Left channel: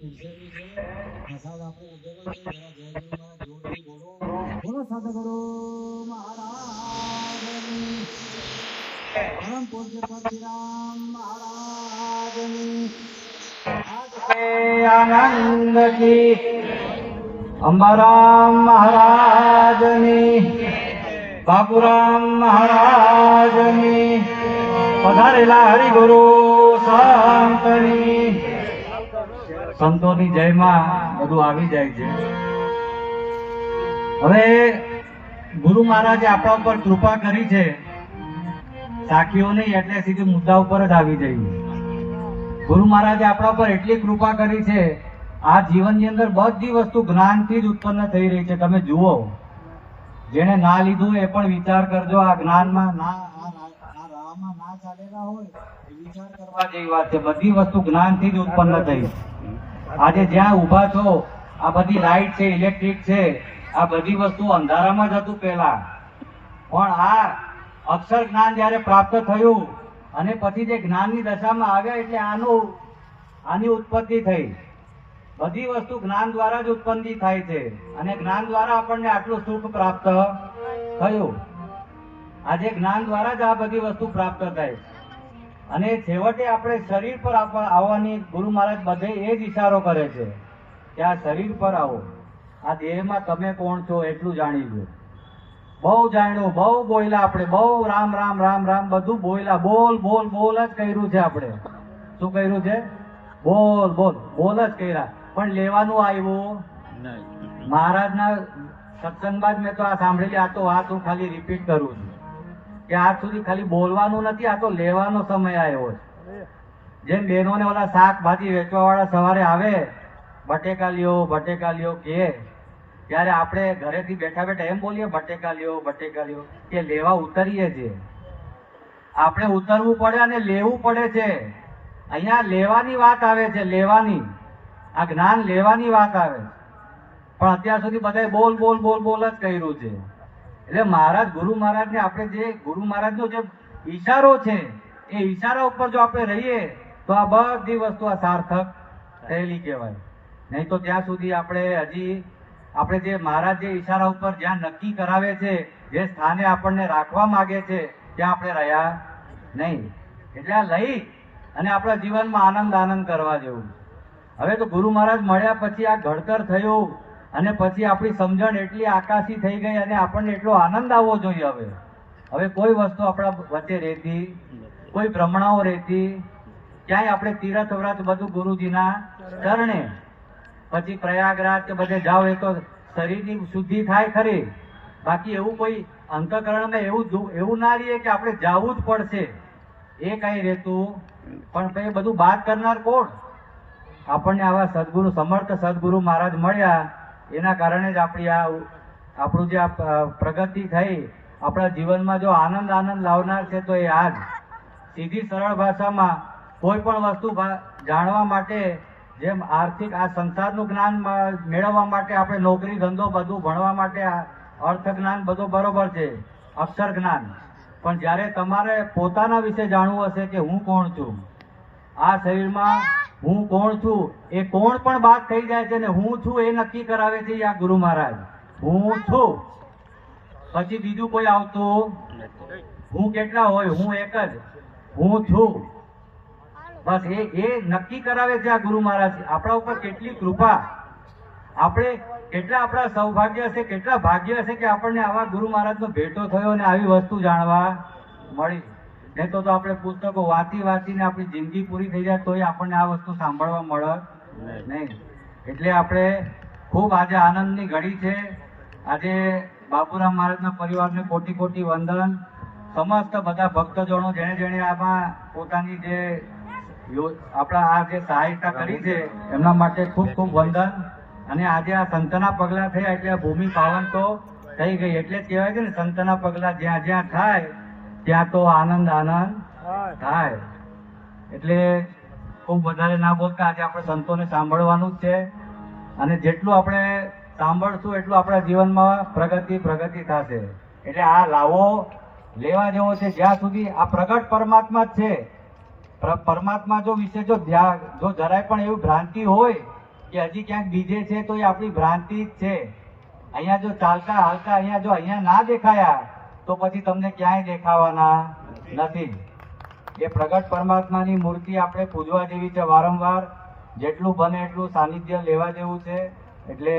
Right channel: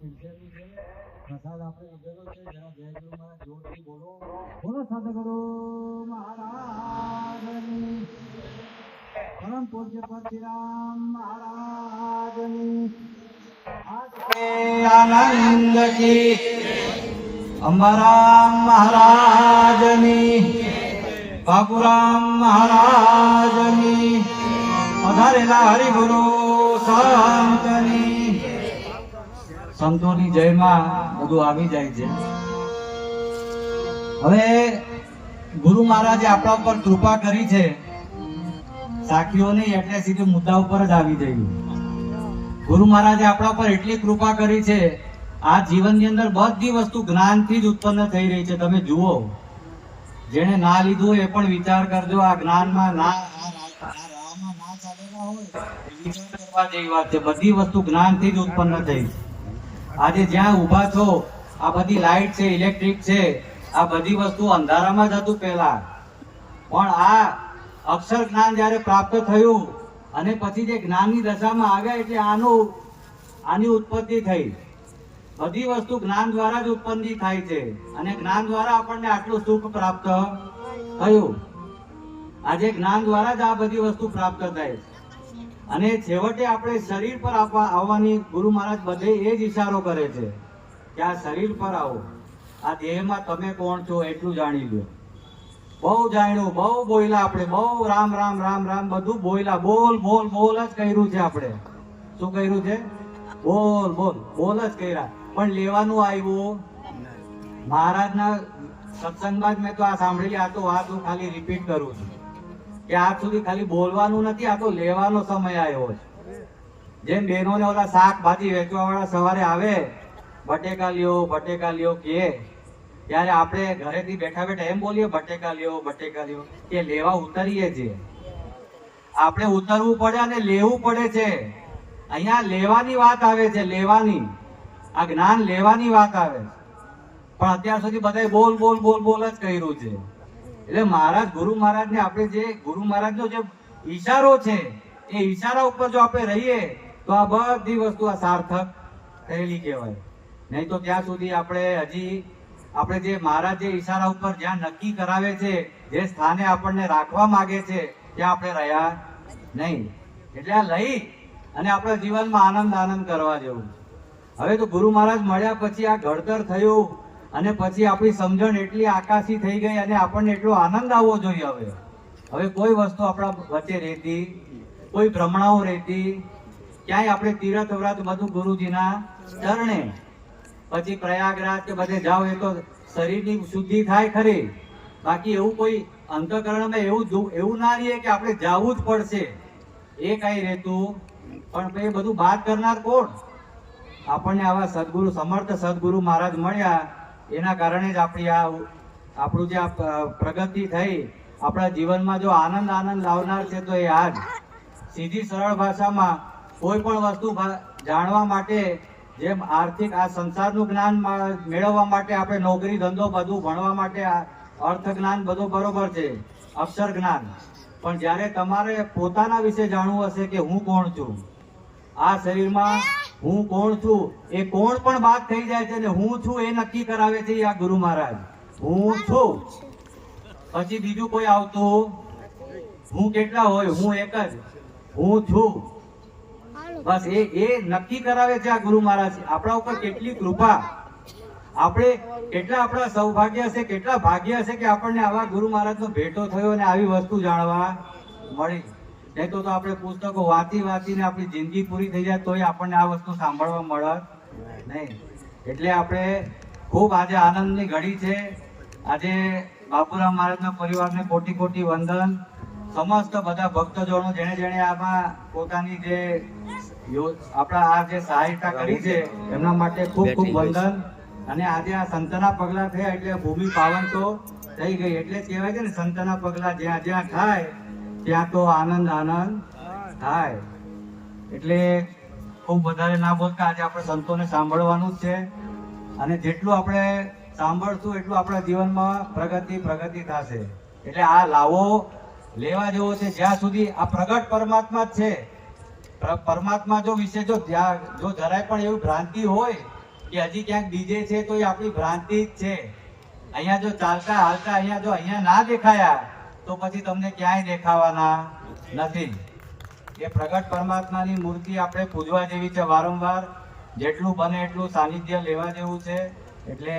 પીરસેલું છે, પ્રસાદ આપણે લીધેલો છે. જરા જય ગુરુ મહારાજ જોરથી બોલો. બોલો સદગુરુ મહારાજની, પરમ પૂજ્ય પરશુરામ મહારાજની આનંદ કી, અંબારામ મહારાજની, બાપુરામ મહારાજની, પધારેલા હરિગુરુ સંતની, સંતોની જયમાં બધું આવી જાય છે. હવે ગુરુ મહારાજે આપણા ઉપર કૃપા કરી છે, સાખીઓ નહીં એટલે સીધું મુદ્દા ઉપર જ આવી જઈએ. ગુરુ મહારાજે આપણા ઉપર એટલી કૃપા કરી છે, આ જીવનની અંદર બધી વસ્તુ જ્ઞાનથી જ ઉત્પન્ન થઈ રહી છે. તમે જુઓ, જેને ના લીધું એ પણ વિચાર કરજો. આ જ્ઞાનમાં ના, આ રાહમાં ના ચાલેલા હોય એ વિચાર કરવા જેવી વાત છે. બધી વસ્તુ જ્ઞાનથી જ ઉત્પન્ન થઈ. આજે જ્યાં ઊભા છો, આ બધી લાઈટ છે, ઇલેક્ટ્રિક છે, આ બધી વસ્તુ અંધારામાં જ હતું પહેલા, પણ આ અક્ષર જ્ઞાન જ્યારે પ્રાપ્ત થયું અને પછી જે જ્ઞાનની દશામાં આવ્યા એટલે આની ઉત્પત્તિ થઈ. બધી વસ્તુ જ્ઞાન દ્વારા જ ઉત્પન્ન થાય છે અને જ્ઞાન દ્વારા આપણને આટલું સુખ પ્રાપ્ત થયું. આજે જ્ઞાન દ્વારા જ આ બધી વસ્તુ પ્રાપ્ત થાય અને છેવટે આપણે શરીર પર આવવાની ગુરુ મહારાજ બધે એ જ ઈશારો કરે છે કે આ શરીર પર આવો, આ દેહમાં તમે કોણ છો એટલું જાણી લો. બહુ જાણ્યું, બહુ બોલ્યા આપણે, બહુ રામ રામ રામ રામ બધું બોલ્યા, બોલ બોલ બોલ જ કર્યું છે આપણે. શું કર્યું છે? બોલ બોલ બોલ જ કર્યા, પણ લેવાનું આવ્યું મહારાજના સત્સંગમાં જ મેં તો આ સાંભળેલી. આ તો વાત હું ખાલી રિપીટ કરું છું કે આજ સુધી ખાલી બોલવાનું નથી, આ તો લેવાનો સમય આવ્યો છે. જેમ બહેનોને ઓલા શાકભાજી વેચવા વાળા સવારે આવે, બટેકા લ્યો કહે, ત્યારે આપણે ઘરેથી બેઠા બેઠા એમ બોલીએ બટેકા લ્યો કે લેવા ઉતરીએ છીએ. આપણે ઉતરવું પડે અને લેવું પડે છે. અહીંયા લેવાની વાત આવે છે, લેવાની. આ જ્ઞાન લેવાની વાત આવે, પણ અત્યાર સુધી બધા બોલ બોલ બોલ બોલ જ કર્યું છે. એટલે મહારાજ ગુરુ મહારાજને આપણે જે ગુરુ મહારાજનો જે ઈશારો છે એ ઈશારા ઉપર જો આપણે રહીએ તો આ બધી વસ્તુ આ સાર્થક થયેલી કહેવાય. નહીં તો ત્યાં સુધી આપણે જે મહારાજ જે ઈશારા ઉપર જ્યાં નક્કી કરાવે છે, જે સ્થાને આપણને રાખવા માંગે છે, ત્યાં આપણે રહ્યા નહીં. એટલે આ લઈ અને આપણા જીવનમાં આનંદ કરવા જેવું. હવે તો ગુરુ મહારાજ મળ્યા પછી આ ઘડતર થયું અને પછી આપણી સમજણ એટલી આકાશી થઈ ગઈ અને આપણને એટલો આનંદ આવવો જોઈએ. હવે કોઈ વસ્તુ આપણા વચ્ચે રહેતી, કોઈ ભ્રમણાઓ રહેતી, ક્યાંય આપણે તીર્થ વ્રત બધું ગુરુજીના ચરણે, પછી પ્રયાગરાજ કે બધે જાઓ એ તો શરીરની શુદ્ધિ થાય ખરી, બાકી એવું કોઈ અંતઃકરણમાં એવું ના રહીએ કે આપણે જવું જ પડશે એ કઈ રહેતું. પણ કઈ બધું બાદ કરનાર કોણ? આપણને આવા સદગુરુ, સમર્થ સદગુરુ મહારાજ મળ્યા, એના કારણે જ આપણું જે પ્રગતિ થઈ. આપણા જીવનમાં જો આનંદ લાવનાર છે તો એ આજ સીધી સરળ ભાષામાં કોઈ પણ વસ્તુ જાણવા માટે, જેમ આર્થિક આ સંસારનું જ્ઞાન મેળવવા માટે આપણે નોકરી ધંધો બધું ભણવા માટે અર્થ જ્ઞાન બધું બરોબર છે, અક્ષર જ્ઞાન, પણ જ્યારે તમારે પોતાના વિશે જાણવું હશે કે હું કોણ છું, આ શરીરમાં હું કોણ છું, એ કોણ પણ બાદ થઈ જાય છે ને હું છું એ નક્કી કરાવે છે આ ગુરુ મહારાજ. હું છું, પછી બીજું કોઈ આવતું. હું કેટલા હોય? હું એક જ હું છું. બસ એ નક્કી કરાવે છે આ ગુરુ મહારાજ. આપણા ઉપર કેટલી કૃપા, આપણે કેટલા આપણા સૌભાગ્ય હશે, કેટલા ભાગ્ય હશે કે આપણને આવા ગુરુ મહારાજનો ભેટો થયો અને આવી વસ્તુ જાણવા મળી. નહીં તો આપણે પુસ્તકો વાંચીને આપણી જિંદગી પૂરી થઈ જાય તોય આપણને આ વસ્તુ સાંભળવા મળે નહીં. એટલે આપણે ખૂબ આજે આનંદની ઘડી છે. આજે બાપુરામ મહારાજના પરિવારને કોટી કોટી વંદન. સમસ્ત બધા ભક્તજનો જેણે આમાં પોતાની જે આપણા આ જે સહાયતા કરી છે એમના માટે ખૂબ ખૂબ વંદન. અને આજે આ સંતના પગલા થયા એટલે ભૂમિ પાવન તો થઈ ગઈ. એટલે જ કહેવાય છે ને, સંતના પગલા જ્યાં જ્યાં થાય ત્યાં તો આનંદ થાય. એટલે ખૂબ વધારે ના બોલતા આજે આપણે સંતોને સાંભળવાનું જ છે અને જેટલું આપણે સાંભળશું એટલું આપણા જીવનમાં પ્રગતિ થશે. એટલે આ લાવો લેવા જેવો છે. જ્યાં સુધી આ પ્રગટ પરમાત્મા જ છે, પરમાત્મા જો વિશે જો જરાય પણ એવી ભ્રાંતિ હોય કે હજી ક્યાંક ડીજે છે તો એ આપણી ભ્રાંતિ જ છે. અહીંયા જો ચાલતા હાલતા અહીંયા ના દેખાયા તો પછી તમને ક્યાંય દેખાવાના નથી. એ પ્રગટ પરમાત્માની મૂર્તિ આપણે પૂજવા જેવી છે. વારંવાર જેટલું બને એટલું સાનિધ્ય લેવા જેવું છે. એટલે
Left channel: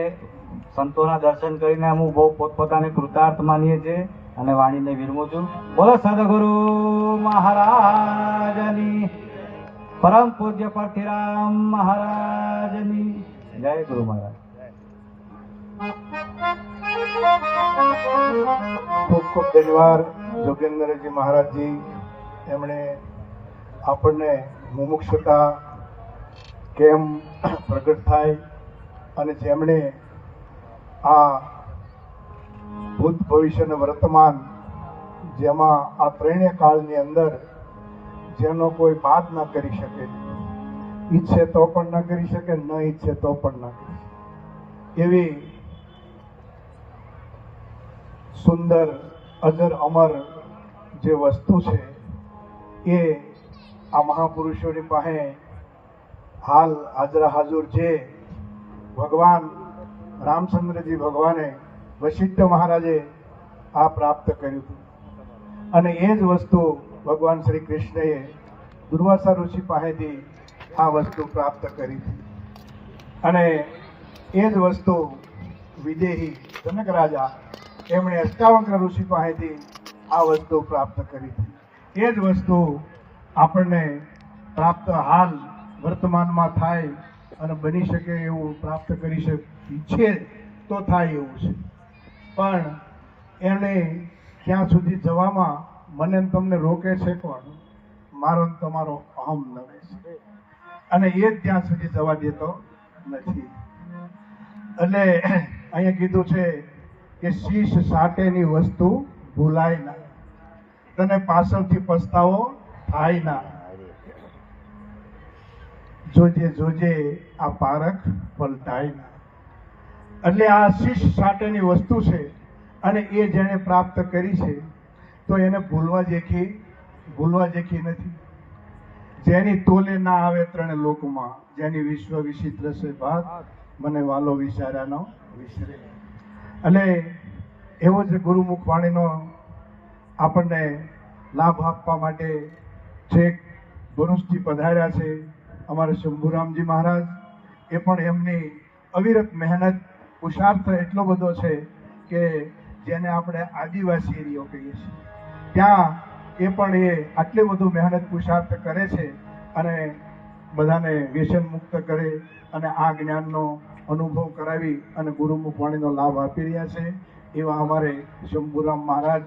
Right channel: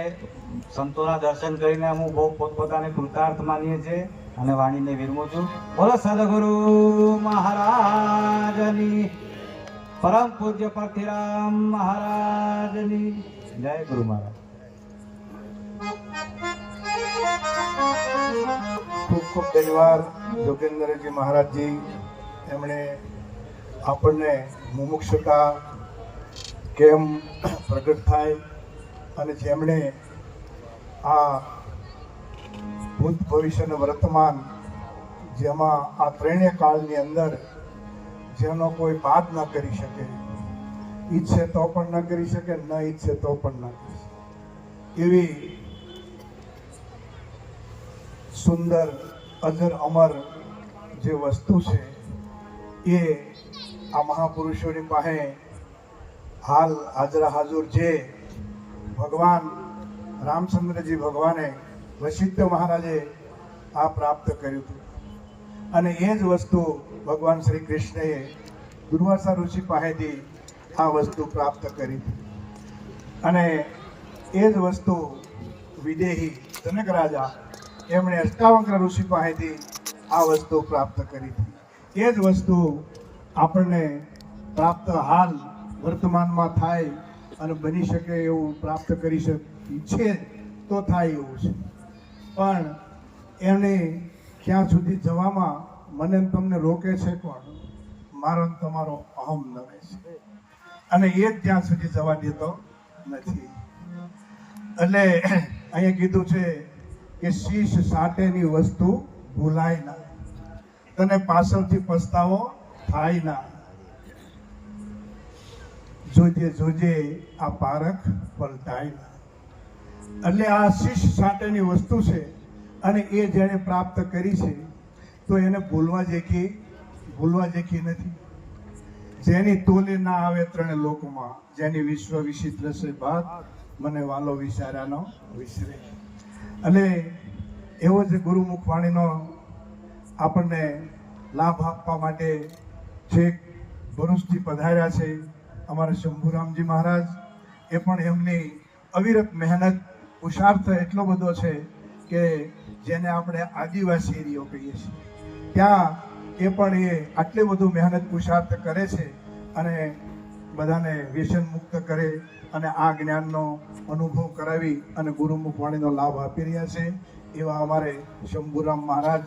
સંતોના દર્શન કરીને હું બહુ પોતપોતાને કૃતાર્થ માનીએ છીએ અને વાણીને વિરમું છું. બોલો સદગુરુ મહારાજની, પરમ પૂજ્ય પરથીરામ મહારાજની જય. ગુરુ મહારાજ. ખૂબ ખૂબ ધન્યવાદ જોગેન્દ્રજી મહારાજજી. એમણે આપણને મુમુક્ષતા કેમ પ્રગટ થાય અને જેમણે આ ભૂત ભવિષ્ય અને વર્તમાન, જેમાં આ ત્રણેય કાળની અંદર જેનો કોઈ બાદ ન કરી શકે, ઈચ્છે તો પણ ન કરી શકે, ન ઈચ્છે તો પણ ન કરી શકે, એવી સુંદર અજર અમર જે વસ્તુ છે એ આ મહાપુરુષોની પાસે હાલ હાજરા હાજર જે ભગવાન રામચંદ્રજી ભગવાને વશિષ્ઠ મહારાજે આ પ્રાપ્ત કર્યું હતું. અને એ જ વસ્તુ ભગવાન શ્રી કૃષ્ણએ દુર્વાસા ઋષિ પાસેથી આ વસ્તુ પ્રાપ્ત કરી હતી. અને એ જ વસ્તુ વિદેહી જનક રાજા એમણે અષ્ટાવક્ર ઋષિ પાસેથી આ વસ્તુ પ્રાપ્ત કરી હતી. એ જ વસ્તુ આપણને પ્રાપ્ત હાલ વર્તમાનમાં થાય અને બની શકે એવું પ્રાપ્ત કરી શકે, ઈચ્છે તો થાય એવું છે. પણ એને ક્યાં સુધી જવામાં મને તમને રોકે છે કોણ? મારો તમારો અહમ નડે છે અને એ જ ત્યાં સુધી જવા દેતો નથી. એટલે અહીંયા કીધું છે કે શીશ સાટેની વસ્તુ ભૂલાય ના, તને પાછળથી પસ્તાવો થાય ના, જોજે જોજે આ પારખ પલટાય ના. એટલે આ શીશ સાટેની વસ્તુ છે અને એ જેણે પ્રાપ્ત કરી છે તો એને ભૂલવા જેકી નથી. જેની તોલે ના આવે ત્રણ લોકમાં, જેની વિશ્વ વિચિત્ર છે ભાત, મને વાલો વિચાર્યાનો વિસરે. એટલે એવો જ ગુરુમુખ વાણીનો આપણને લાભ આપવા માટે છેક ભરૂચથી પધાર્યા છે અમારા શંભુરામજી મહારાજ. એ પણ એમની અવિરત મહેનત પુરુષાર્થ એટલો બધો છે કે જેને આપણે આદિવાસી એરિયો કહીએ છીએ, ત્યાં એ પણ એ આટલું બધું મહેનત પુરુષાર્થ કરે છે અને બધાને વ્યસન મુક્ત કરે અને આ જ્ઞાનનો અનુભવ કરાવી અને ગુરુમુખ વાણીનો લાભ આપી રહ્યા છે. એવા અમારે શંભુરામ મહારાજ.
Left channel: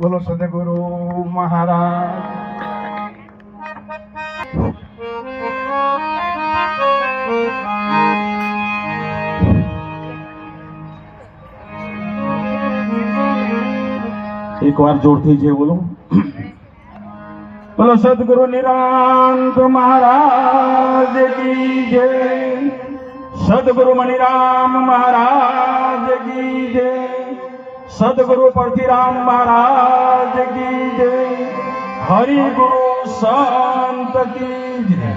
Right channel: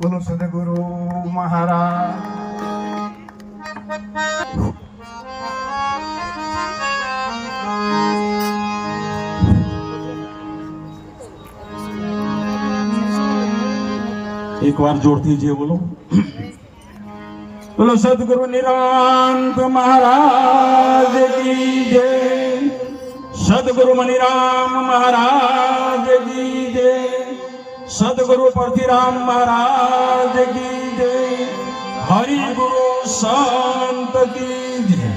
બોલો સદગુરુ મહારાજ. એક વાર જોરથી જે બોલો. બોલો સદગુરુ નિરાંત મહારાજ કી જય. સદગુરુ મણિરામ મહારાજ કી જય. સદગુરુ પરથીરામ મહારાજ કી જય. હરિ ગુરુ સંત કી જય.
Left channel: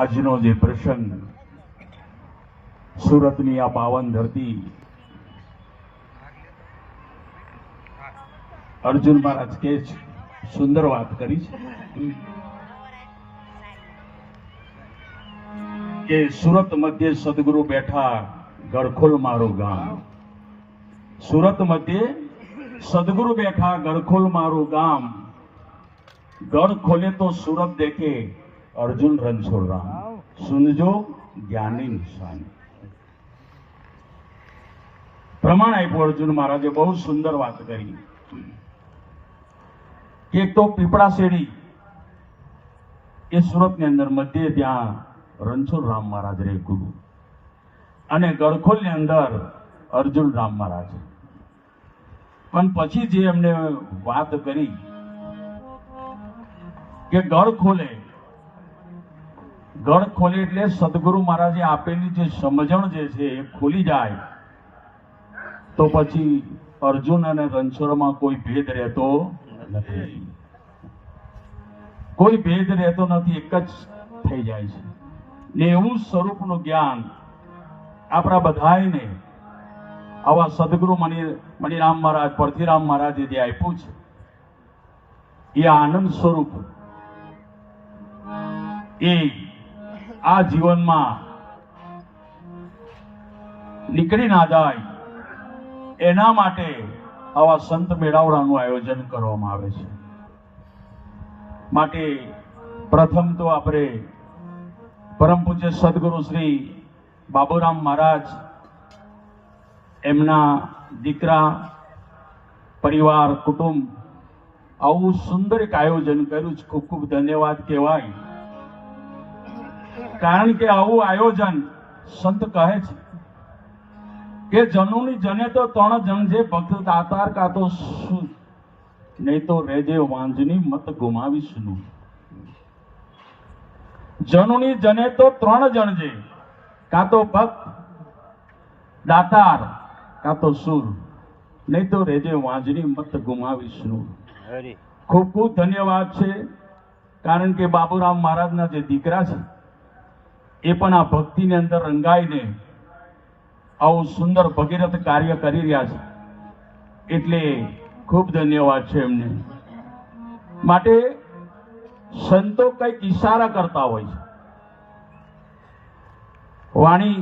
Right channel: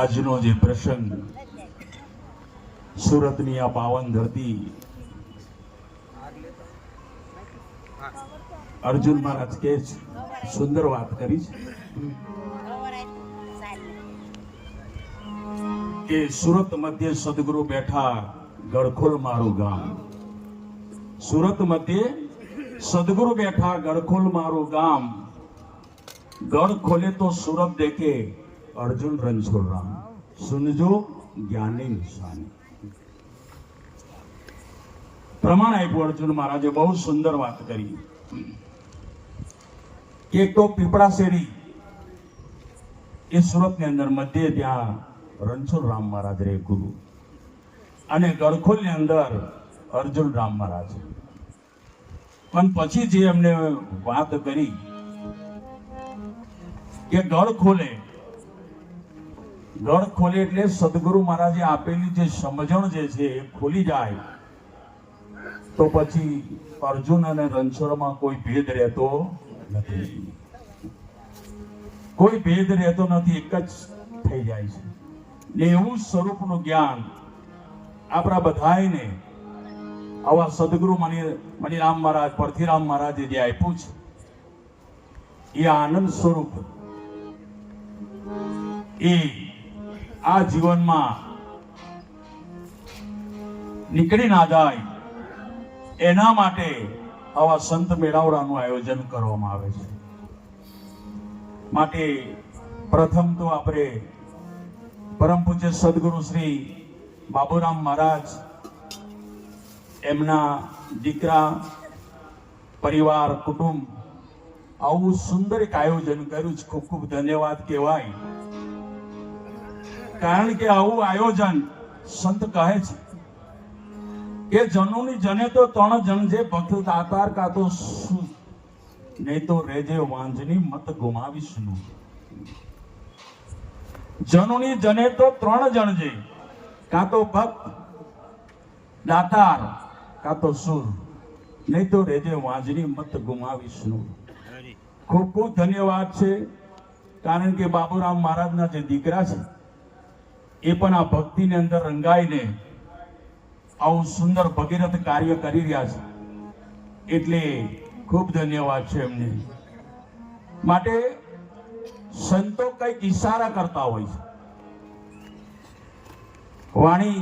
આજનો જે પ્રસંગ સુરતની આ પાવન ધરતી, અર્જુન મહારાજ કે સુંદર વાત કરી છે કે સુરત મધ્ય સદગુરુ બેઠા, ગળખોલ મારું ગામ. સુરત મધ્ય સદગુરુ બેઠા, ગળખોલ મારું ગામ. ગઢ ખોલે તો સુરત દેખે, અર્જુન રણછોડ રામ. સુનજો જ્ઞાની નિશાની. પ્રમાણ આપ્યું અર્જુન મહારાજે. બહુ સુંદર વાત કરી. એક તો પીપળા શેરી એ સુરતની અંદર મધ્ય, ત્યાં રણછોડ રામ મહારાજ રે ગુરુ, અને ગળખોલની અંદર અર્જુન રામ મહારાજ. પણ પછી જે એમને વાત કરી કે ગળ ખોલે એટલે સદગુરુ મહારાજે આપેલી જે સમજણ જે છે એ ખુલી જાય તો પછી અર્જુન અને રણછોડમાં કોઈ ભેદ રહેતો નથી. કોઈ ભેદ રહેતો નથી, એક જ થઈ જાય છે ને એવું સ્વરૂપનું જ્ઞાન આપણા બધાને આવા સદગુરુ મણિરામ મહારાજ, પરથીરામ મહારાજે જે આપ્યું છે એ આનંદ સ્વરૂપ એ આ જીવનમાં નીકળી ના જાય એના માટે આવા સંત મેળાવડાનું આયોજન કરવામાં આવે છે. માટે પ્રથમ તો આપણે પરમ પૂજ્ય સદગુરુ શ્રી બાબુરામ મહારાજ, એમના દીકરા, પરિવાર, કુટુંબ આવું સુંદર એક આયોજન કર્યું છે. ખૂબ ખૂબ ધન્યવાદ કહેવાય. કારણ કે આવું આયોજન સંત કહે છે કે જનુની જને તો 3 જણ જે ભક્ત દાતાર કા તો શું, નહીં તો રેજે વાંજની મત ગુમાવીશું. જનુની જને તો 3 જણ છે, કા તો ભક્ત, દાતાર, કા તો સુર, નહીં તો રેજે વાંજની મત ગુમાવીશું. ખૂબ ખૂબ ધન્યવાદ છે. કારણ કે બાબુરામ મહારાજના જે દીકરા છે એ પણ આ ભક્તિની અંદર રંગાઈને આવું સુંદર ભગીરથ કાર્ય કરી રહ્યા છે, એટલે ખૂબ ધન્યવાદ છે એમને. માટે સંતો કંઈક ઈશારા કરતા હોય છે. વાણી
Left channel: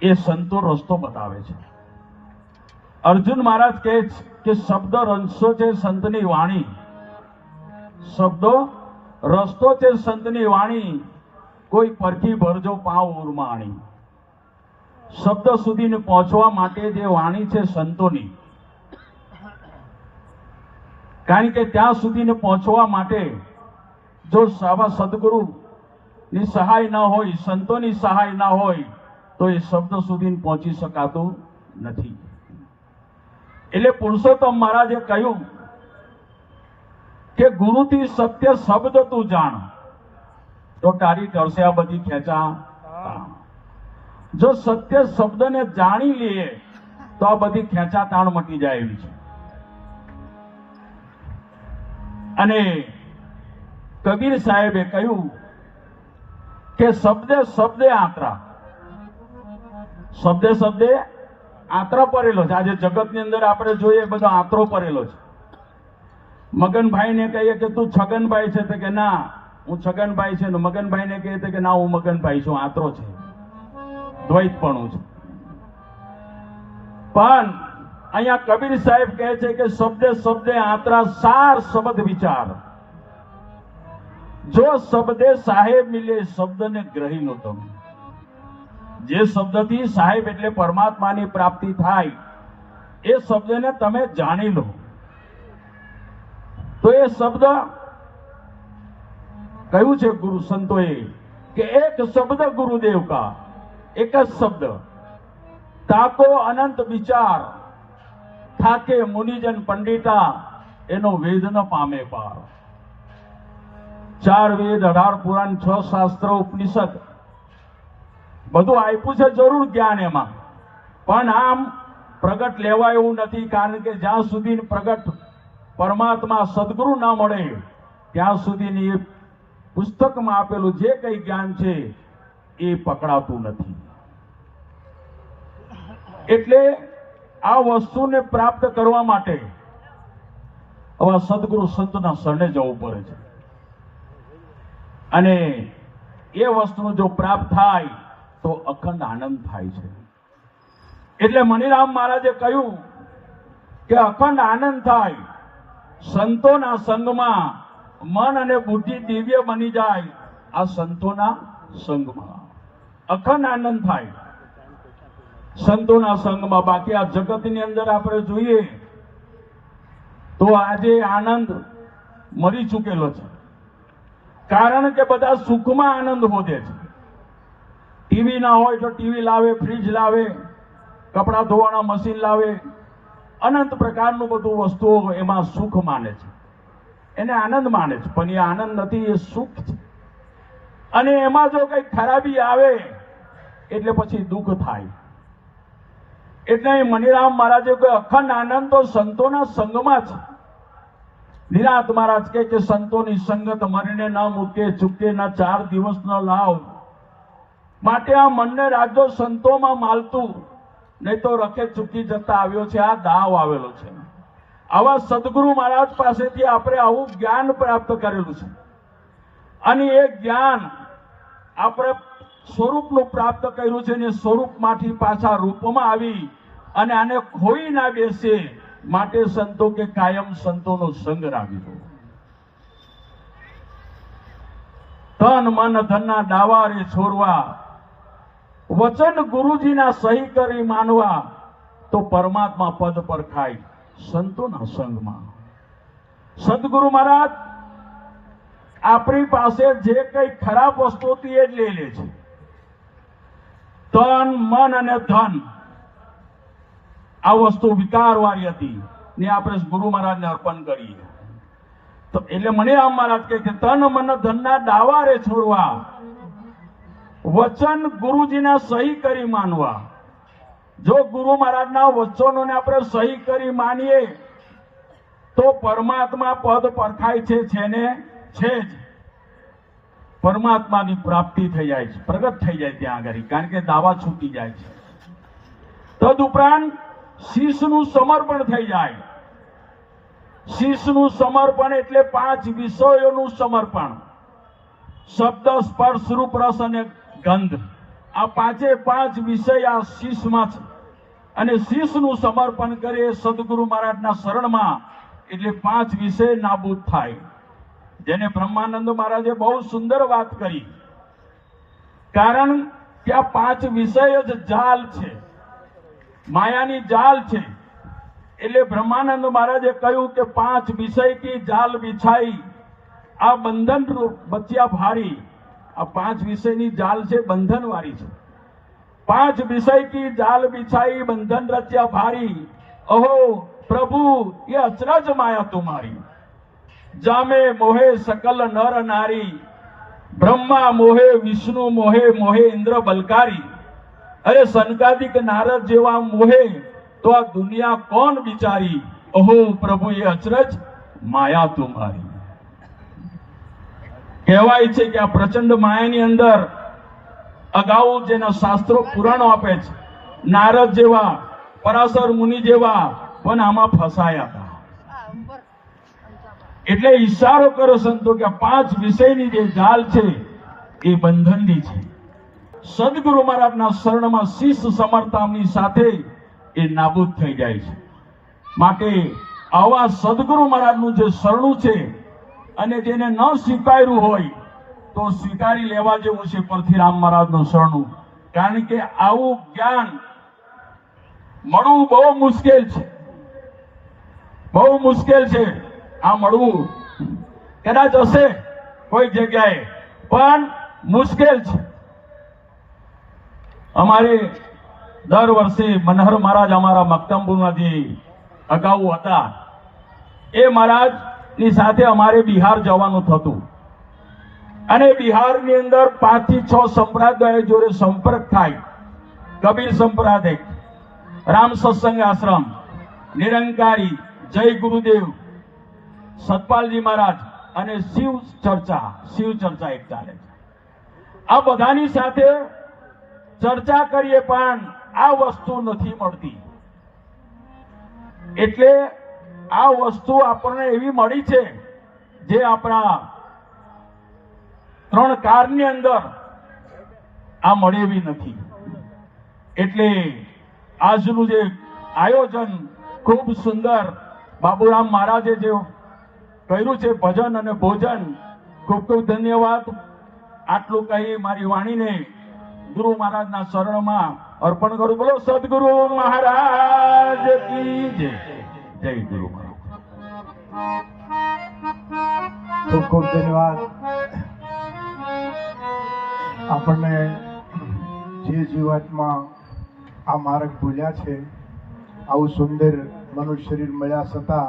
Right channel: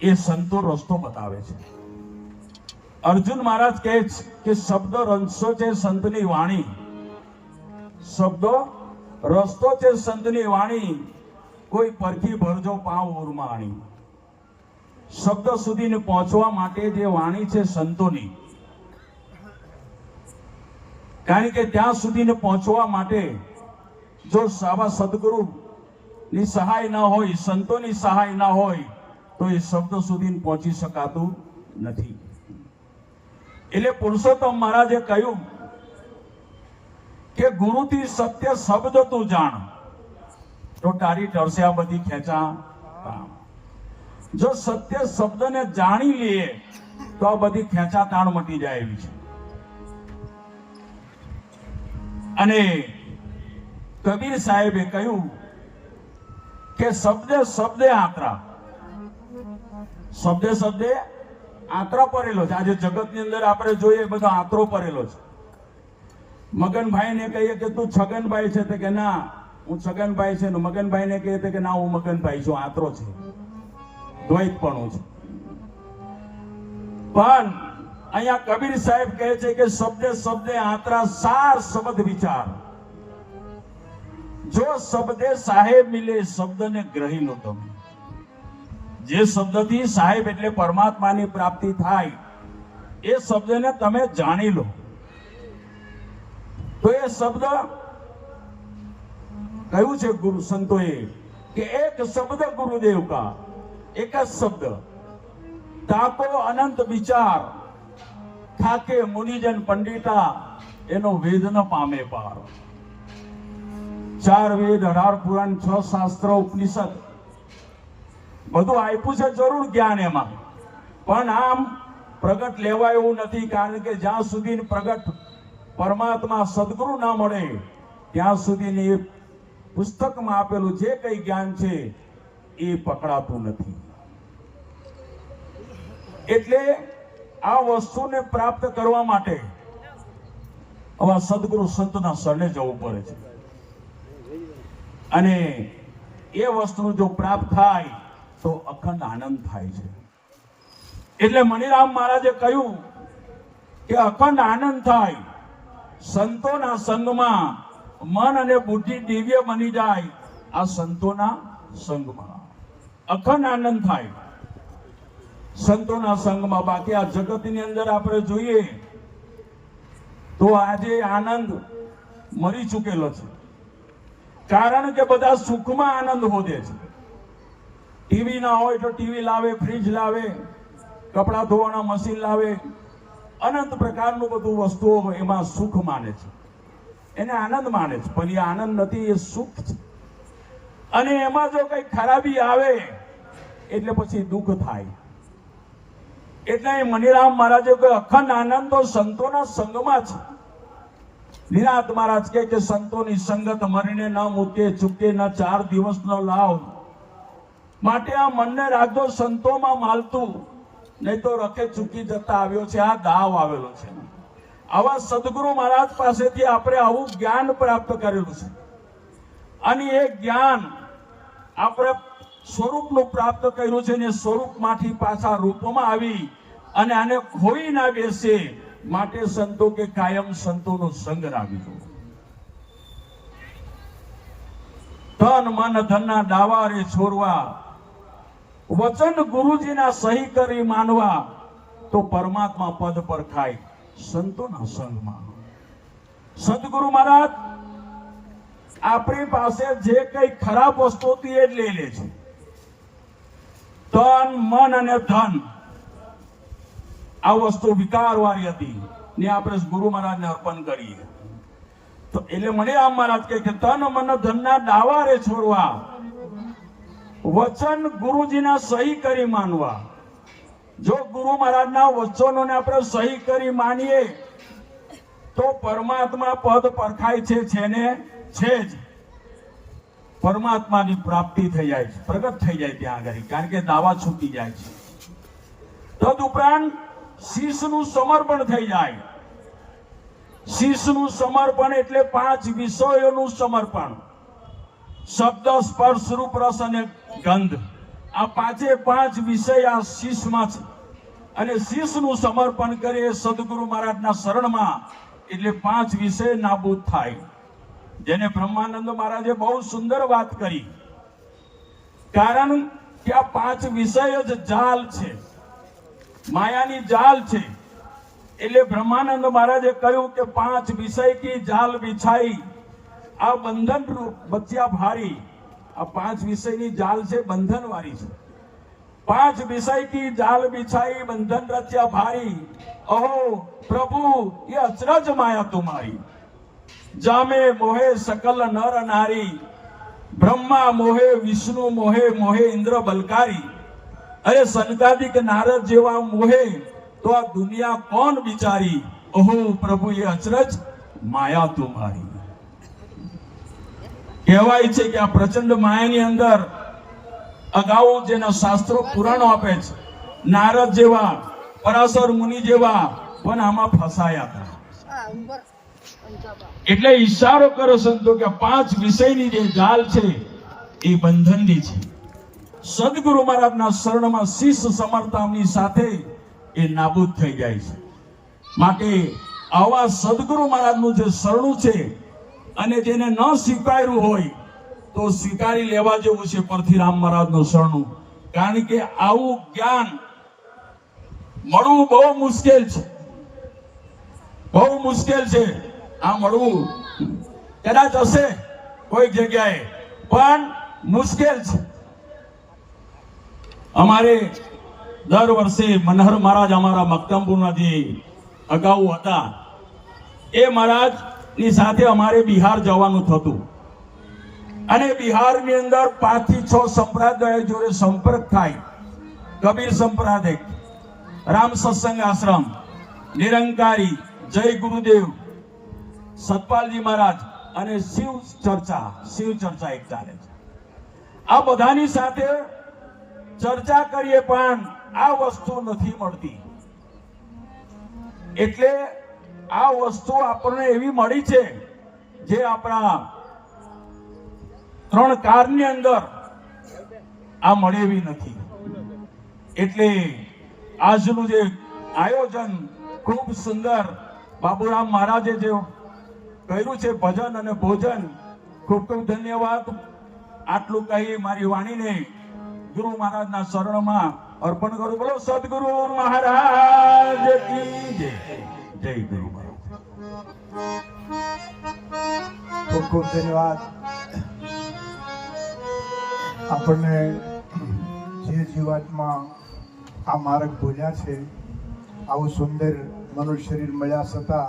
એ સંતો રસ્તો બતાવે છે. અર્જુન મહારાજ કહે છે કે શબ્દ રસ્તો છે સંતની વાણી, શબ્દો રસ્તો છે સંતની વાણી, કોઈ પરખી ભરજો પાવ ઉરમાણી. શબ્દ સુધી પહોંચવા માટે જે વાણી છે સંતોની, કારણ કે ત્યાં સુધી પહોંચવા માટે જો સાવા સદગુરુ ની સહાય ના હોય, સંતોની સહાય ના હોય તો એ શબ્દ સુધી પહોંચી શકાતું નથી. એટલે પુરુષોત્તમ મહારાજે કહ્યું કે ગુરુથી સત્ય શબ્દ તું જાણ, તો તારી ટળશે આ બધી ખેંચા. જો સત્ય શબ્દને જાણી લઈએ તો આ બધી ખેંચાતાણ મટી જાય એવી છે. અને કબીર સાહેબે કહ્યું કે શબ્દે શબ્દે આંતરા, શબ્દે શબ્દે આંતરો પડેલો છે. આજે જગતની અંદર આપણે જોઈએ બધો આંતરો પડેલો છે. મગનભાઈ ને કહીએ કે તું છગનભાઈ છે, તો કે ના હું છગનભાઈ છે, ને મગનભાઈ ને કહે કે ના હું મગનભાઈ છું. આંતરો છે, દ્વૈતપણું છે. પણ અહીંયા કબીર સાહેબ કહે છે કે શબ્દે શબ્દે આંતરા, સાર શબ્દ વિચાર. જો શબ્દે સાહેબ મિલે શબ્દને ગ્રહી લો તમે. જે શબ્દથી સાહેબ એટલે પરમાત્માની પ્રાપ્તિ થાય એ શબ્દને તમે જાણી લો તો એ શબ્દ કહ્યું છે ગુરુ સંતોએ કે એક શબ્દ ગુરુદેવ કા, એક જ શબ્દ તાકો અનંત વિચાર, થાકે મુનિજન પંડિતા, એનો વેદ ન પામે પાર. 4 વેદ, 18 પુરાણ, 6 શાસ્ત્રો, ઉપનિષદ બધું આપ્યું છે જરૂર જ્ઞાન એમાં, પણ આમ પ્રગટ લેવા એવું નથી. કારણ કે જ્યાં સુધી પ્રગટ પરમાત્મા સદગુરુ ના મળે ત્યાં સુધી એ પુસ્તકમાં આપેલું જે કઈ જ્ઞાન છે એ પકડાતું નથી. એટલે આ વસ્તુને પ્રાપ્ત કરવા માટે આવા સદગુરુ સંતના શરણે જવું પડે છે. અને એ વસ્તુ જો પ્રાપ્ત થાય તો અખંડ આનંદ થાય છે. એટલે મણિરામ મહારાજે કહ્યું કે અખંડ આનંદ થાય સંતોના સંગમાં, મન અને બુદ્ધિ દિવ્ય બની જાય આ સંતોના સંગમાં. અખંડ આનંદ થાય સંતોના સંગમાં. બાકી આ જગતની અંદર આપણે જોઈએ તો આજે આનંદ મરી ચૂકેલો છે. કારણ કે બધા સુખમાં આનંદ શોધે છે. ટીવી ના હોય તો ટીવી લાવે, ફ્રીજ લાવે, કપડા ધોવાના મશીન લાવે, અનંત પ્રકારનું બધું વસ્તુઓ એમાં સુખ માને છે, એને આનંદ માને છે. પણ એ આનંદ નથી, એ સુખ છે. અને એમાં જો કઈ ખરાબી આવે એટલે પછી દુઃખ થાય. એટલે મણિરામ મહારાજે કોઈ અખંડ આનંદ તો સંતોના સંગમાં છે. નિરાત મહારાજ કહે કે સંતોની સંગત મરને ન મૂકે, ચૂકે ન 4 દિવસનો લાવ. માટે આ મનને રાખજો સંતોમાં માલતું, નહીં તો રખે ચૂકી જતા આવ્યો છે, આ દાવ આવેલો છે. આવા સદગુરુ મહારાજ પાસેથી આપણે આવું જ્ઞાન પ્રાપ્ત કરેલું છે, અને એ જ્ઞાન આપણા સ્વરૂપનું પ્રાપ્ત કર્યું છે, ને સ્વરૂપમાંથી પાછા રૂપમાં આવી અને આને ખોઈ ના બેસે માટે સંતો કે કાયમ સંતોનો સંગ રાખી જોઈએ. તન મન ધનના ડાવારે છોડવા, વચન ગુરુજીના સહી કરી માનવા, તો પરમાત્મા પદ પર ખાય સંતોના સંગમાં. સદગુરુ મહારાજ આપણી પાસે જે કઈ ખરાબ વસ્તુ હતી એ જ લઈ લે છે. તન મન અને ધન આ વસ્તુ વિકારવાળી હતી ને આપણે ગુરુ મહારાજને અર્પણ કરીએ. તો એટલે મને આમ મહારાજ કહે કે તન મન ધનના ડાવારે છોડવા, વચન ગુરુજીના સહી કરી માનવા. જો ગુરુ મહારાજના વચનોને આપણે સહી કરી માનીએ તો પરમાત્મા પદ પરખાય છે ને છે જ. પરમાત્માની પ્રાપ્તિ થઈ જાય છે, પ્રગટ થઈ જાય ત્યાં આગળ, કારણ કે દાવા છૂટી જાય છે. તદુપરાંત શીશનું સમર્પણ થઈ જાય. શીશનું સમર્પણ એટલે 5 વિષયોનું સમર્પણ. શબ્દ, સ્પર્શ, રૂપ, રસ અને ગંધ, આ 5 વિષય આ શીશમાં છે. અને શીશનું સમર્પણ કરે સદગુરુ મહારાજના શરણમાં, એટલે 5 વિષય નાબૂદ થાય. જેને બ્રહ્માનંદ મહારાજે બહુ સુંદર વાત કરી, કારણ કે આ 5 વિષય જ જાલ છે, માયાની જાલ છે. એટલે બ્રહ્માનંદ મહારાજે કહ્યું કે 5 વિષય કી જાલ બિછાઈ, આ બંધન રૂપ બચ્યા ભારી. આ 5 વિષયની જાલ છે, બંધન વાળી છે. 5 વિષય કી જાલ બિછાઈ, બંધન રચ્યા ભારી. અહો પ્રભુ ये अचरज माया तुम्हारी, जामे मोहे सकल नर नारी. ब्रह्मा मोहे विष्णु मोहे, मोहे इंद्र बलकारी. अरे सनकादिक नारद जेवा मोहे, तो आ दुनिया कौन बिचारी. ओहो प्रभु ये अचरज माया तुम्हारी. કહેવાય છે કે આ પ્રચંડ માયાની અંદર અગાઉ જેના શાસ્ત્રો પુરાણો આપે છે, નારદ જેવા, પરાશર મુનિ જેવા પણ આમાં ફસાયા હતા. એટલે ઈશારો કરો સંતો કે 5 વિષયની જે જાલ છે એ બંધનની છે. સદગુરુ મહારાજના શરણમાં શીશ સમર્પણની સાથે એ નાબૂદ થઈ જાય છે. માટે આવા સદગુરુ મહારાજનું જે શરણું છે, અને જેને ન સ્વીકાર્યું હોય તો સ્વીકારી લેવા જેવું છે પરથીરામ મહારાજનું શરણું. કારણ કે આવું જ્ઞાન મળવું બહુ મુશ્કેલ છે, બહુ મુશ્કેલ છે. આ મળવું કદાચ હશે કોઈ જગ્યાએ, પણ મુશ્કેલ છે. અમારે દર વર્ષે મનહર મહારાજ અમારા મક્તમપુરના જે અગાઉ હતા, એ મહારાજ ની સાથે અમારે બિહાર જવાનું થતું, અને બિહારની અંદર 5 થી 6 સંપ્રદાય જોડે સંપર્ક થાય. કબીર સંપ્રદાય, રામ સત્સંગ આશ્રમ, નિરંકારી, જય ગુરુદેવ, સતપાલજી મહારાજ અને શિવ ચર્ચા એક ચાલે છે. આ બધાની સાથે ચર્ચા કરીએ પણ આ વસ્તુ નથી મળતી. એટલે આ વસ્તુ આપણને એવી મળી છે જે આપણા 3 કાળની અંદર આ મળી એવી નથી. એટલે આજનું જે આયોજન ખૂબ સુંદર બાબુરામ મહારાજે જે કર્યું છે, ભજન અને ભોજન, ખૂબ ખૂબ ધન્યવાદ. આટલું કહી મારી વાણીને ગુરુ મહારાજના શરણમાં અર્પણ કરું. બોલો સદગુરુ મહારાજ કી જય. જય ગુરુ મહારાજ. ખૂબ ખૂબ ધન્યવાદ. આપણને જે જીવાતમાં આ માર્ગ ભૂલ્યા છે, આવું સુંદર મનુષ્ય શરીર મળ્યા છતાં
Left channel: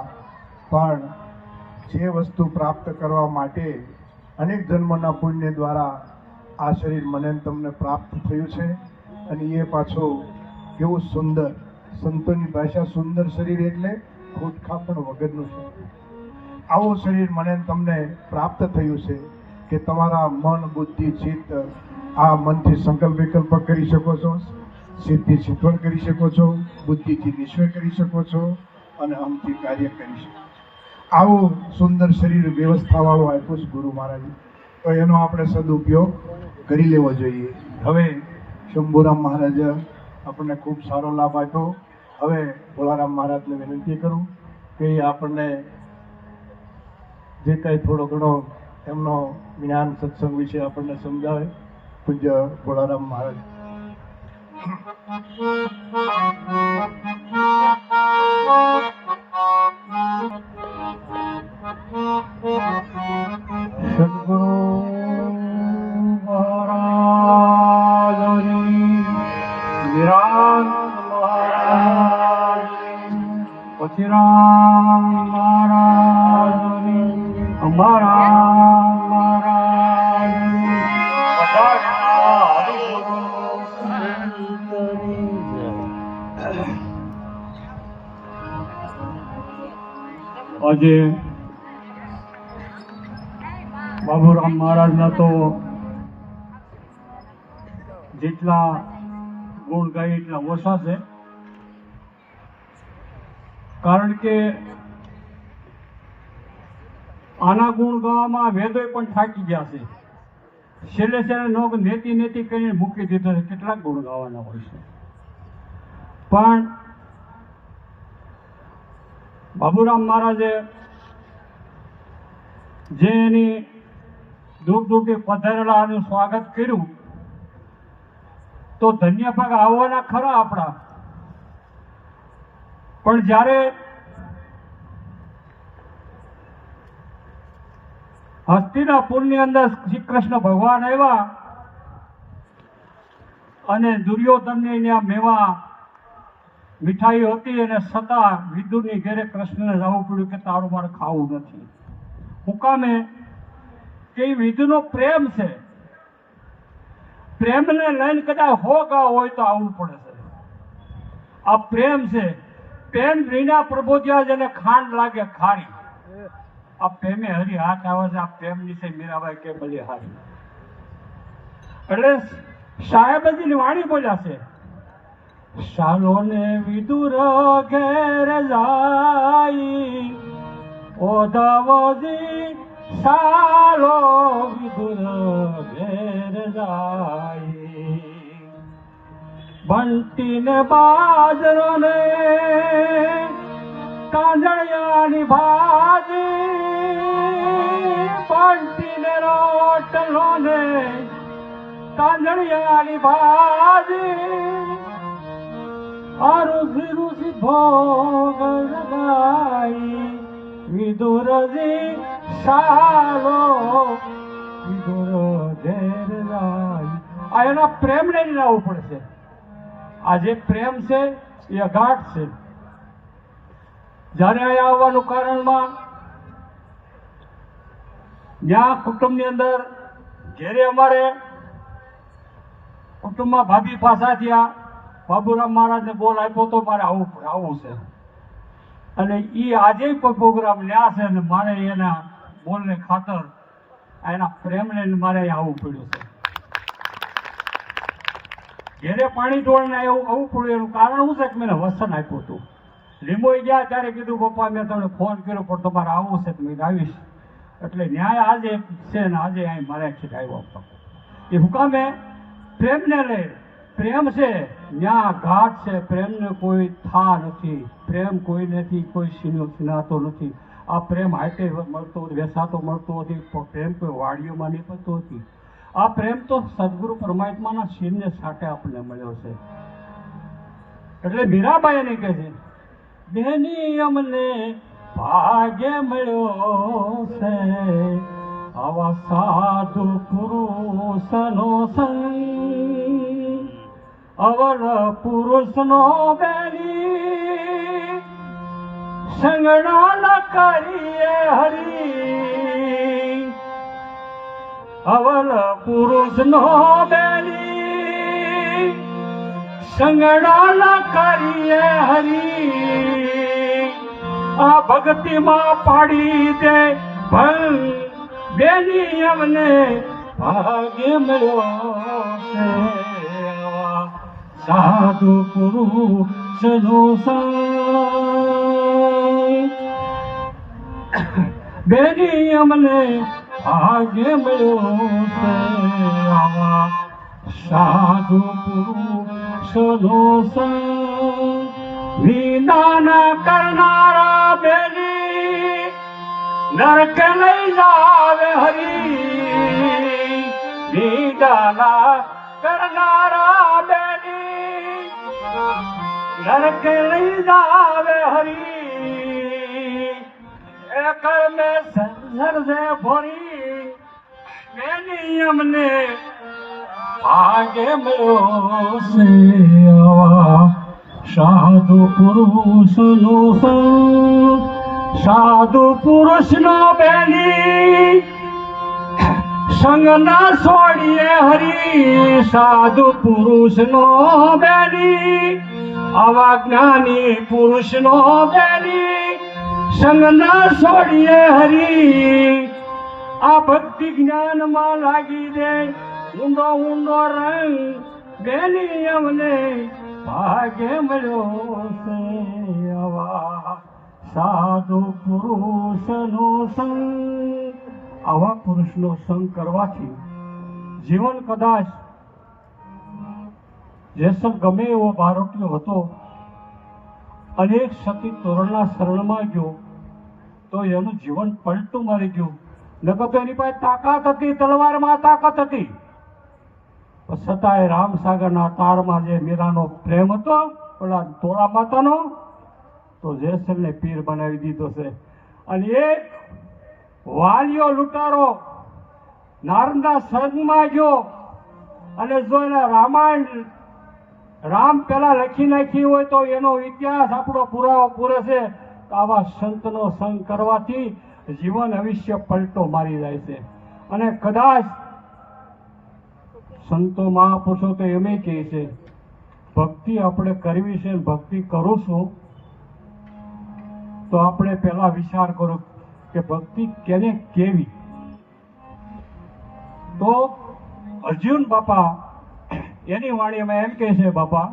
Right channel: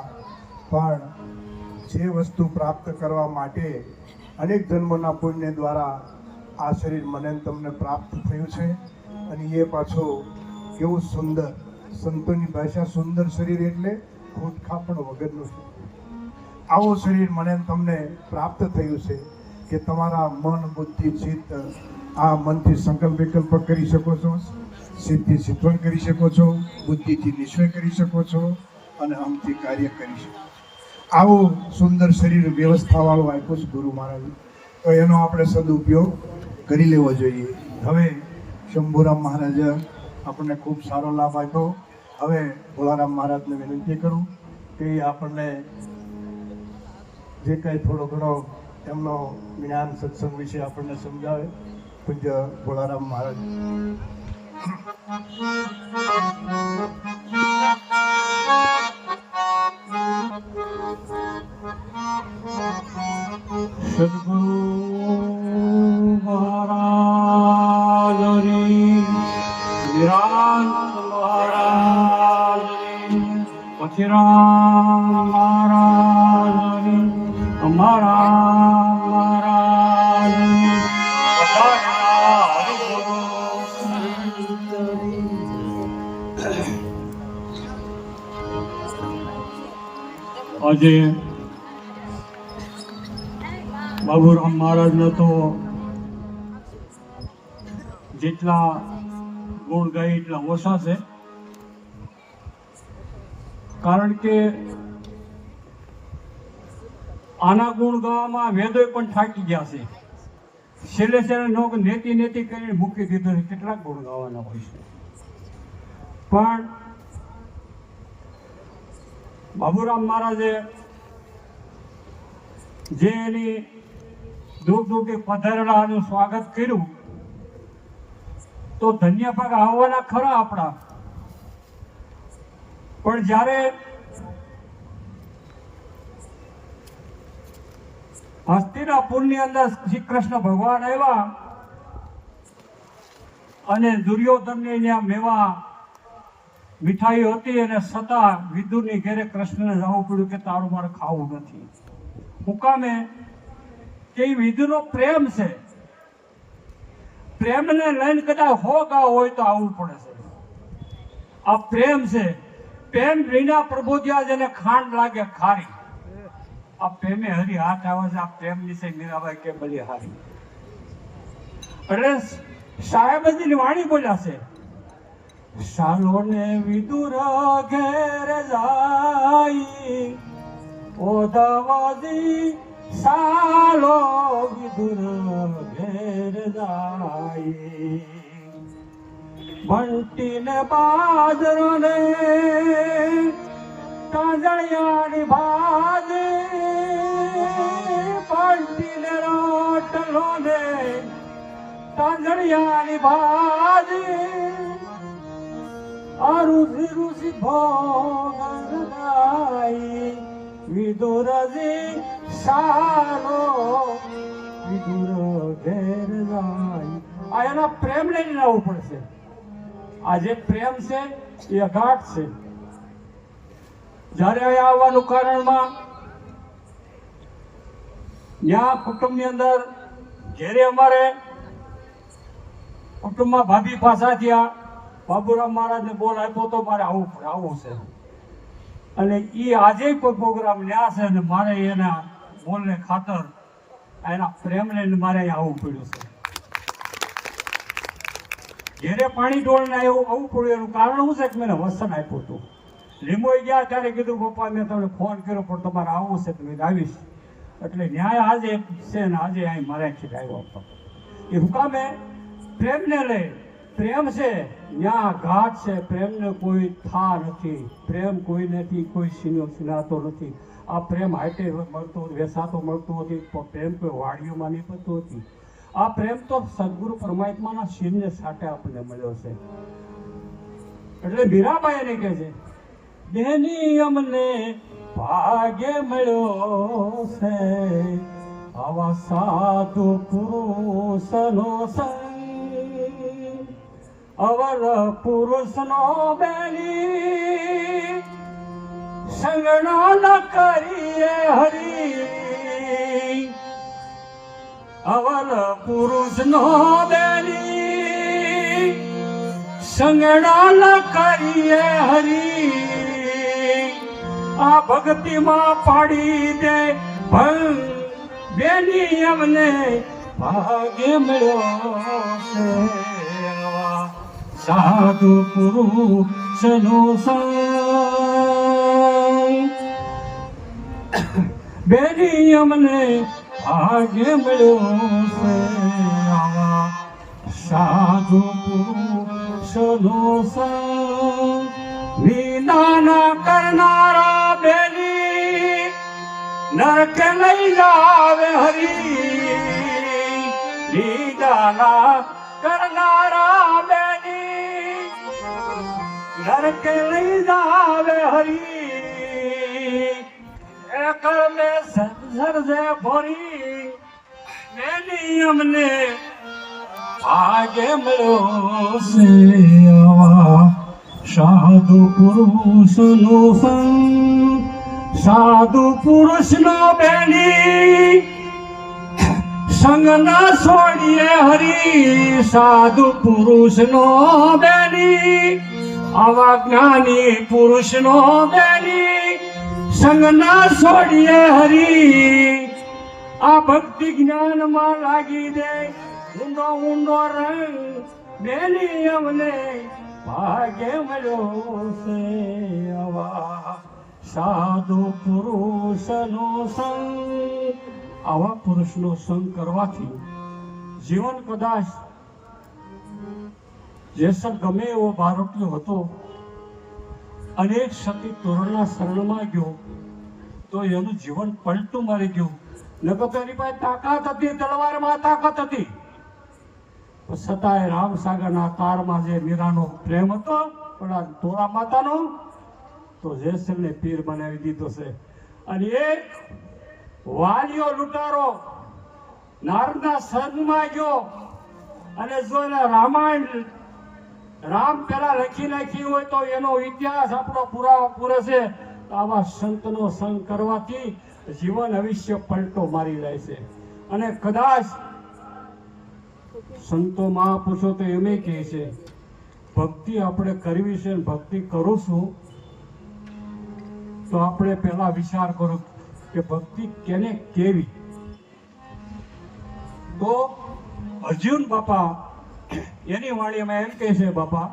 પણ જે વસ્તુ પ્રાપ્ત કરવા માટે અનેક જન્મના પુણ્ય દ્વારા આ શરીર મને તમને પ્રાપ્ત થયું છે, અને એ પાછો કેવું સુંદર, સંતોની ભાષા સુંદર શરીર એટલે ખોટખાપણ વગરનું શરીર. આવું શરીર મને ને તમને પ્રાપ્ત થયું છે કે તમારા મન બુદ્ધિ ચિત્ત આ મનથી સંકલ્પ વિકલ્પ કરી શકો છો, સિદ્ધિ સિદ્ધવન કરી શકો છો, બુદ્ધિથી નિશ્ચય કરી શકો છો અને અમથી કાર્ય કરી શકો. આવું સુંદર શરીર વ્યવસ્થાવાળું આપ્યું છે ગુરુ મહારાજે, તો એનો આપણે સદુપયોગ કરી લેવો જોઈએ. હવે શંભુરામ મહારાજે આપણને ખૂબ સારો લાભ આપ્યો. હવે ભોળારામ મહારાજને વિનંતી કરું કે આપણને જે કંઈ થોડો ઘણો એમનો જ્ઞાન સત્સંગ વિશે આપણને સમજાવે. પૂજ્ય ભોળારામ મહારાજ. સદગુરુ મહારાજની નિરાંત મહારાજની અખિરામ મહારાજની અમારા મહારાજની આજે બાબુરામ મહારાજના તો જેટલા ગુણ ગાય એટલા ઓછા છે, કારણ કે આના ગુણ ગાવામાં વેદોય પણ થાકી ગયા છે. છેલ્લે છેલ્લે લોકો નેતિ નેતિ કરીને મૂકી દીધો છે. કેટલાક ગુણ ગાવાના હોય છે, પણ બાબુરામ મહારાજે જે એની દૂર દૂરથી પધારેલાનું સ્વાગત કર્યું તો ધન્ય ભાગ આવવાના ખરા આપણા, પણ જ્યારે હસ્તિનાપુરની અંદર શ્રી કૃષ્ણ ભગવાન આવ્યા અને દુર્યોધનને ત્યાં મેવા મીઠાઈ હતી અને છતાં વિદુરની ઘેરે કૃષ્ણને જવું પડ્યું કે તારું મારે ખાવું નથી. મુકામે કે વિદુનો પ્રેમ છે, પ્રેમને લઈને કદાચ હો ગા હોય તો આવવું પડે છે. આ પ્રેમ છે. પ્રેમ વિના પ્રબોધ્યા જેને ખાંડ લાગે ખારી. આ પ્રેમે હરી હાથ આવે છે. આ પ્રેમ વિશે મીરાબાઈ કે બલિહારી. એટલે સાહેબજીની વાણી બોલ્યા છે, શાલો ને વિદુર ઘેર જાય ઓધવજી, શાલો વિદુર ઘેર જાય. બંટી ને બાજરો ને કાંજળિયાની ભાજી, બંટી ને રોટલો ને કાંજળિયાની ભાજી, અરુષિ ઋષિ ભોગ લગાઈ વિદુરજી, શાલો વિદુર ઘેર જાય. આ એના પ્રેમને જ લાવવું પડશે. આ જે પ્રેમ છે એ અગાઢ છે. જ્યારે અહીંયા આવવાનું કારણમાં ત્યાં કુટુંબની અંદર ઘેરે અમારે કુટુંબમાં ભાભી પાસા થયા. બાબુરામ મહારાજને બોલ આપ્યો તો મારે આવું છે, અને એ આજે કોઈ પ્રોગ્રામ લ્યા છે અને મારે એના બોલને ખાતર એના પ્રેમને મારે આવવું પડ્યું છે. ઘેરે પાણી ઢોળને આવવું પડ્યું. એનું કારણ શું છે કે મેં વસન આપ્યું હતું. લીંબોઈ ગયા ત્યારે કીધું પપ્પા મેં તમને ફોન કર્યો પણ તમારે આવવું છે તો મેં આવીશ. એટલે ન્યાય આજે છે ને આજે અહીં મારે આવ્યો હતો. એ હુકામે પ્રેમને લે. પ્રેમ છે ન્યા ઘાટ છે. પ્રેમને કોઈ થા નથી. પ્રેમ કોઈ નથી, કોઈ સિનાતો નથી. આ પ્રેમ હાટે મળતો વેસાતો મળતો નથી. પ્રેમ કોઈ વાડીઓમાં નીકળતો નથી. આ પ્રેમ તો સદગુરુ પરમાત્માના શિરને સાટે આપણને મળ્યો છે. એટલે મીરાબાઈ એને કહે છે, જેની અમને ભાગ્ય મળ્યો છે આવા સાધુ પુરુષનો સંગ, અવર પુરુષનો બેલી સંગણો ન કરીએ હરી. અવર પુરુષનો બેલી સંગણો ન કરીએ હરી. આ ભક્તિમાં પાડી દે ભંગ બેની એમને ભાગ્ય મળ્યો છે સાધુ પુરુષનો સંગ બેની અમને ભાગ્ય મળ્યો છે આવા સાધુ પુરુષનો સંગ વિનાના કરનારા બેની નરકે લઈ જાવે હરી વિનાના કરનારા બેની નરકે લઈ જાવે હરી એ કર્મે સર્જે ભરી બેની અમને ભાગ્ય મળ્યો છે આવા સાધુ પુરુષનો સંગ સાધુ પુરુષનો બેની સંગ ના છોડીએ હરી સાધુ પુરુષનો બેની આવા જ્ઞાની પુરુષનો બેની સંગ ના છોડીએ હરી આ ભક્તિ જ્ઞાનમાં લાગી દે ઊંડો ઊંડો રંગ બેની અમને ભાગ્ય મળ્યો છે આવા સાધુ પુરુષનો સંગ આવા પુરુષનો સંગ કરવાથી જીવન કદાચ જેસર ગમે એવો બારોટિયો હતો અનેક સતી તોરણના શરણમાં ગયો તો એનું જીવન પલટું મારી ગયું નકર તો એની પાસે તાકાત હતી તલવારમાં તાકાત હતી છતાંય રામસાગરના તારમાં જે મીરાનો પ્રેમ હતો પેલા તોરા માતાનો તો જેસરને પીર બનાવી દીધો છે અને એક વાલિયો લૂંટારો નારદના સંગમાં ગયો અને જો એના રામાયણ રામ પેલા લખી નાખી હોય તો એનો ઇતિહાસ આપણો પુરાવો પૂરે છે તો આવા સંતનો સંગ કરવાથી જીવન અવિષ્ય પલટો મારી જાય છે અને કદાચ સંતો મહાપુરુષો તો એમ કહે છે ભક્તિ આપણે કરવી છે ભક્તિ કરું છું તો આપણે પહેલા વિચાર કરો કે ભક્તિ કેને કેવી તો અર્જુન બાપા એની વાણીમાં એમ કહે છે બાપા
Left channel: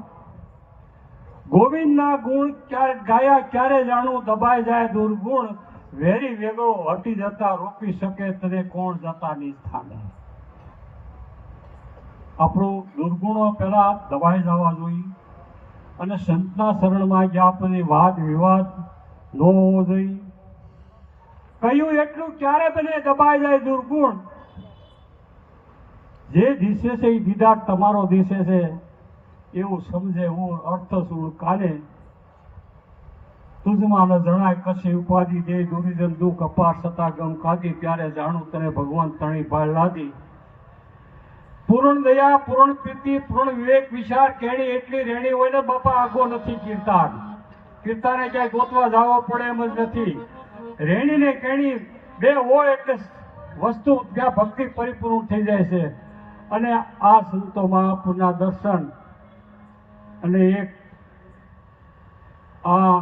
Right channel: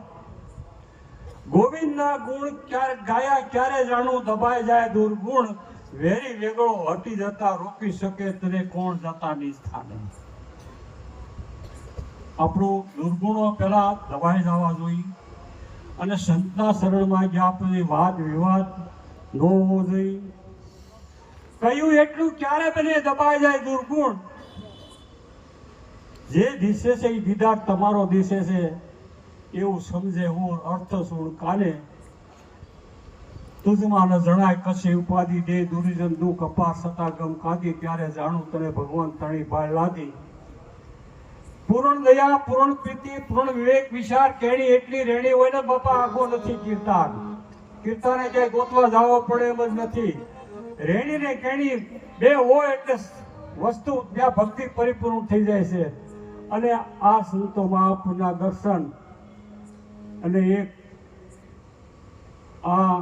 ગોવિંદના ગુણ ક્યારે ગાયા ક્યારે જાણું દબાઈ જાય દુર્ગુણ વેરી વેગળો હટી જતા રોકી શકે તને કોણ જતા નિસ્થાને આપણું દુર્ગુણો પહેલા દબાઈ જવા જોઈએ અને સંતના શરણમાં ગયા પછી વાદ વિવાદ ન હોવો જોઈએ કહ્યું એટલું ક્યારે તને દબાઈ જાય દુર્ગુણ જે દિશે છે એ દીદાર તમારો દિશે છે એવું સમજે હું અર્થ સુણ કાને તુજમાં ન જણાય કશી ઉપાધિ દે દુર્જન દુઃખ અપાર સતા ગમ કાદી ત્યારે જાણું તને ભગવાન તણી ભાળ લાદી પૂર્ણ દયા પૂર્ણ પ્રીતિ પૂર્ણ વિવેક વિચાર કેણી એટલી રેણી હોય ને બાપા આગો નથી કીર્તાન કીર્તાને ક્યાંય ગોતવા જવો પડે એમ જ નથી રેણી ને કેણી બે હોય એટલે વસ્તુ ત્યાં ભક્તિ પરિપૂર્ણ થઈ જાય છે અને આ સંતો મહાપુરના દર્શન અને એક આ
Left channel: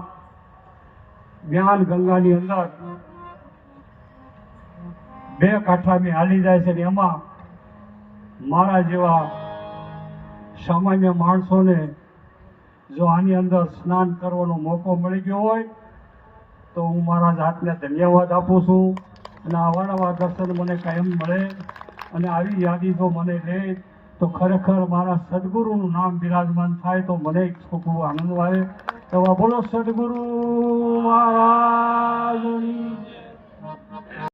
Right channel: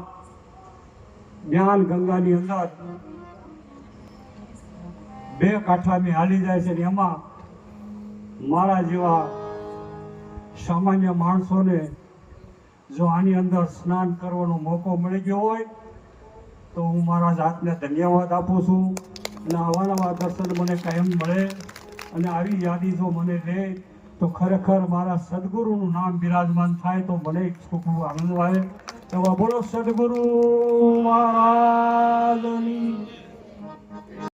જ્ઞાન ગંગાની અંદર બે કાંઠાની હાલી જાય છે ને એમાં મારા જેવા સામાન્ય માણસોને જો આની અંદર સ્નાન કરવાનો મોકો મળી ગયો હોય તો હું મારા જાતને ધન્યવાદ આપું છું અને આવા નવા દર્શન મને કાયમ મળે અને આવી યાદી જો મને લે તો ખરેખર મારા સદગુરુનું નામ બિરાજમાન થાય તો મને ખૂબ આનંદ આવે તો બોલો સદગુરુ